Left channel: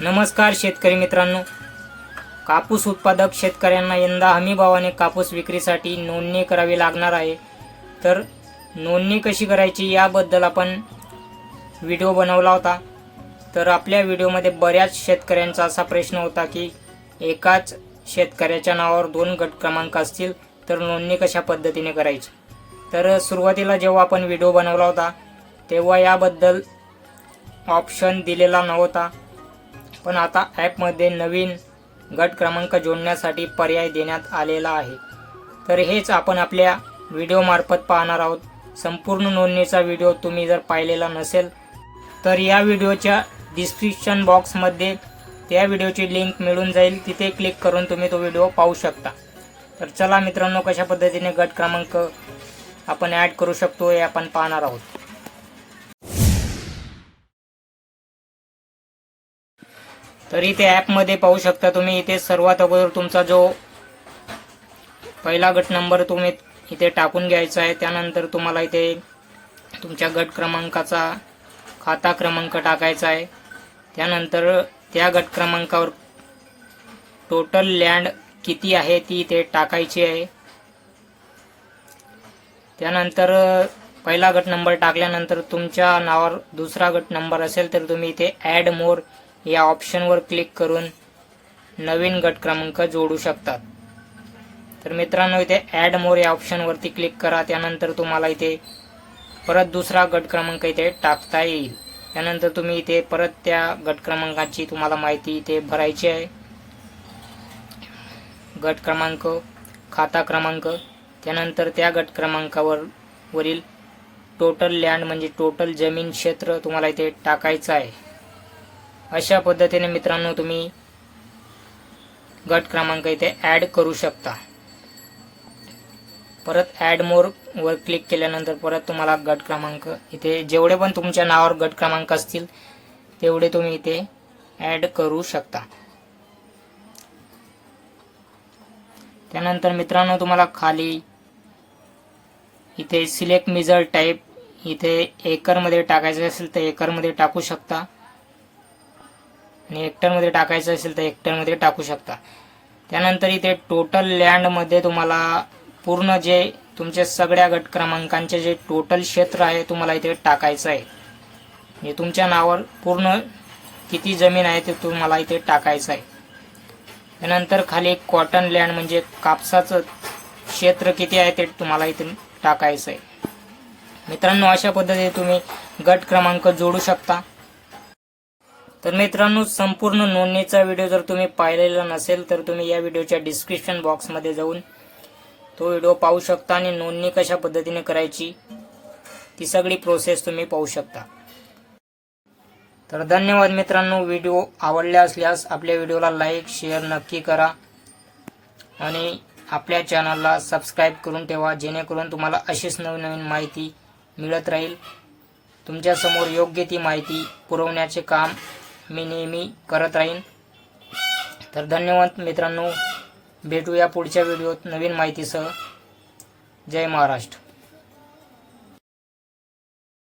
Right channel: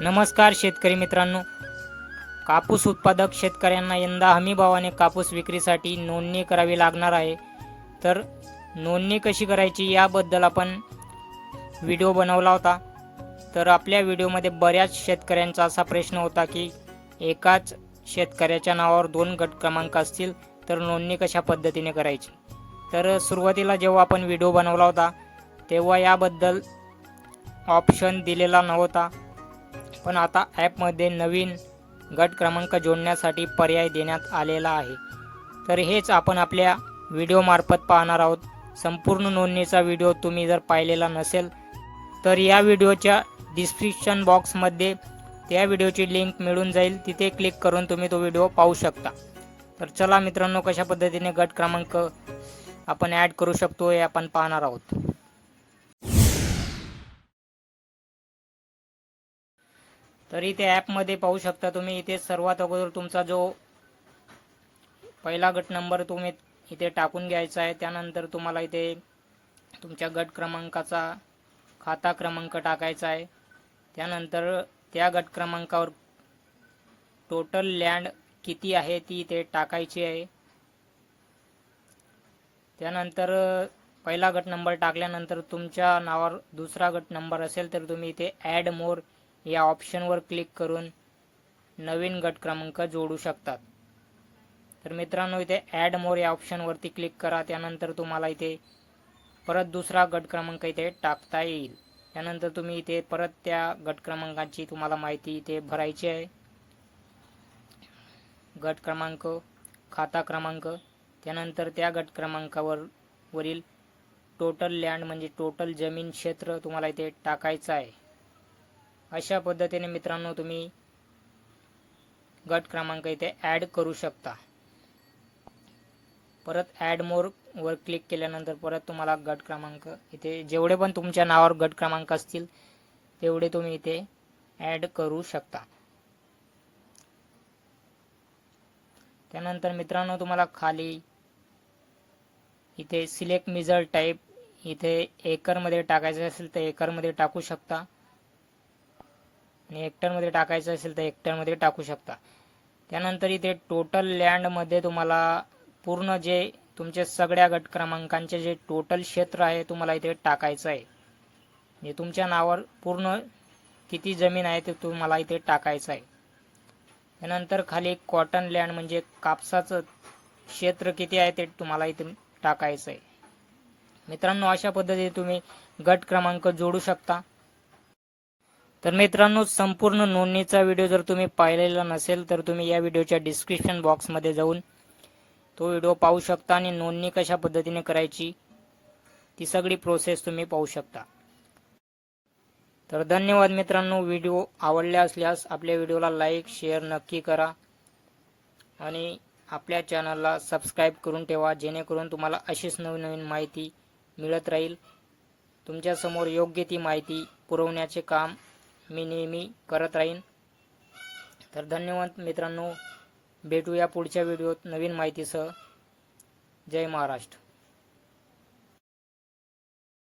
नमस्कार शेतकरी मित्रांनो. कापूस उत्पादक शेतकऱ्यांना यंदा हमीभावाने कापूस विक्रीसाठी नोंदणी करावी लागणार आहे. तर नोंदणी कशी करायची याबद्दल आपण व्हिडिओ बनवला होता. तर आपल्या व्हिडिओमध्ये बऱ्याच शेतकऱ्यांचा असा प्रश्न होता की एकाच शेतकऱ्याच्या नावावर दोन गट क्रमांक असतील तर नोंदणी कशा पद्धतीने करायची? तर सुरुवातीला जेव्हा आपण व्हिडिओ बनवला होता तेव्हा याबद्दल ऑप्शन दिलेला नव्हता. पण आता ॲपमध्ये नवीन गट क्रमांक जोडण्यासाठी पर्याय देण्यात आलेला आहे. तर हेच आपण आपल्या व्हिडिओमार्फत पाहणार आहोत. संपूर्ण नोंदणीचा व्हिडिओ तुम्ही जर पाहिलेला नसेल तर या व्हिडिओच्या डिस्क्रिप्शन बॉक्समध्ये त्या व्हिडिओची लिंक मिळून जाईल. तिथे क्लिक करून तुम्ही तो व्हिडिओ पाहू शकता. तर चला मित्रांनो कशा पद्धतीने गट क्रमांक आपण ॲड करू शकतो हे आपण पाहणार आहोत. तर इथे ॲपमध्ये पाहू शकता तुम्ही. इथे सर्वात अगोदर तुमचा जो पहिला गट नंबर तुम्ही इथे टाकून घ्यायचा आहे. त्यानंतर तुम्हाला इथे तुमच्या गट क्रमांकाचा खाता क्रमांक टाकायचा आहे. त्यानंतर त्या गट क्रमांकावर टोटल लँड किती आहे ती इथे टाकायची आहे. त्यानंतर पहिला गट नंबर टाकल्यानंतर तुमच्या नावावर दुसरा गट नंबर असेल तर तुम्ही इथे ॲड मोर या ऑप्शनवर क्लिक करून नवीन गट क्रमांक जोडू शकतात. तर मित्रांनो इथे ॲड मोर या ऑप्शनवरती क्लिक करा. त्यानंतर तुम्हाला इथे परत दुसरा गट क्रमांक इथे टाकता येईल. त्यानंतर तुम्ही इथे परत त्या गट क्रमांकाची तुम्हाला माहिती इथे भरायची आहे. गट क्रमांक खाता क्रमांक त्यानंतर त्या गट क्रमांकावर वरील टोटल लँड म्हणजे टोटल जमीन क्षेत्र तुम्हाला इथे टाकायचं आहे. अशा पद्धतीने मित्रांनो तुम्ही गट क्रमांक इथे ॲड करू शकता. परत ॲड मोर वर क्लिक केल्यानंतर परत तुम्हाला गट क्रमांक इथे जेवढे पण तुमच्या नावावर गट क्रमांक असतील तेवढे तुम्ही इथे ॲड करू शकता. त्यानंतर मित्रांनो तुम्हाला खाली इथे सिलेक्ट मिझल टाईप इथे एकरमध्ये टाकायचं असेल तर एकरमध्ये टाकू शकता. आणि हेक्टरमध्ये टाकायचं असेल तर हेक्टरमध्ये टाकू शकता. त्यानंतर इथे टोटल लँडमध्ये तुम्हाला पूर्ण जे तुमचे सगळ्या गट क्रमांकांचे जे टोटल क्षेत्र आहे तुम्हाला इथे टाकायचं आहे. म्हणजे तुमच्या नावावर पूर्ण किती जमीन आहे ते तुम्हाला इथे टाकायचं आहे. त्यानंतर खाली कॉटन लँड म्हणजे कापसाचं क्षेत्र किती आहे ते तुम्हाला इथे टाकायचं आहे. मित्रांनो अशा पद्धतीने तुम्ही गट क्रमांक जोडू शकता. तर मित्रांनो संपूर्ण नोंदणीचा व्हिडिओ जर तुम्ही पाहिलेला नसेल तर तुम्ही या व्हिडिओच्या डिस्क्रिप्शन बॉक्समध्ये जाऊन तो व्हिडिओ पाहू शकता आणि नोंदणी कशा पद्धतीने करायची ती सगळी प्रोसेस तुम्ही पाहू शकता. तर धन्यवाद मित्रांनो व्हिडिओ आवडला असल्यास आपल्या व्हिडिओला लाईक शेअर नक्की करा आणि आपल्या चॅनलला सबस्क्राईब करून ठेवा जेणेकरून तुम्हाला अशीच नवीन नवीन माहिती मिळत राहील. तुमच्यासमोर योग्य ती माहिती पुरवण्याचे काम मी नेहमी करत राहीन. तर धन्यवाद मित्रांनो. भेटूया पुढच्या व्हिडिओत नवीन माहितीसह. जय महाराष्ट्र.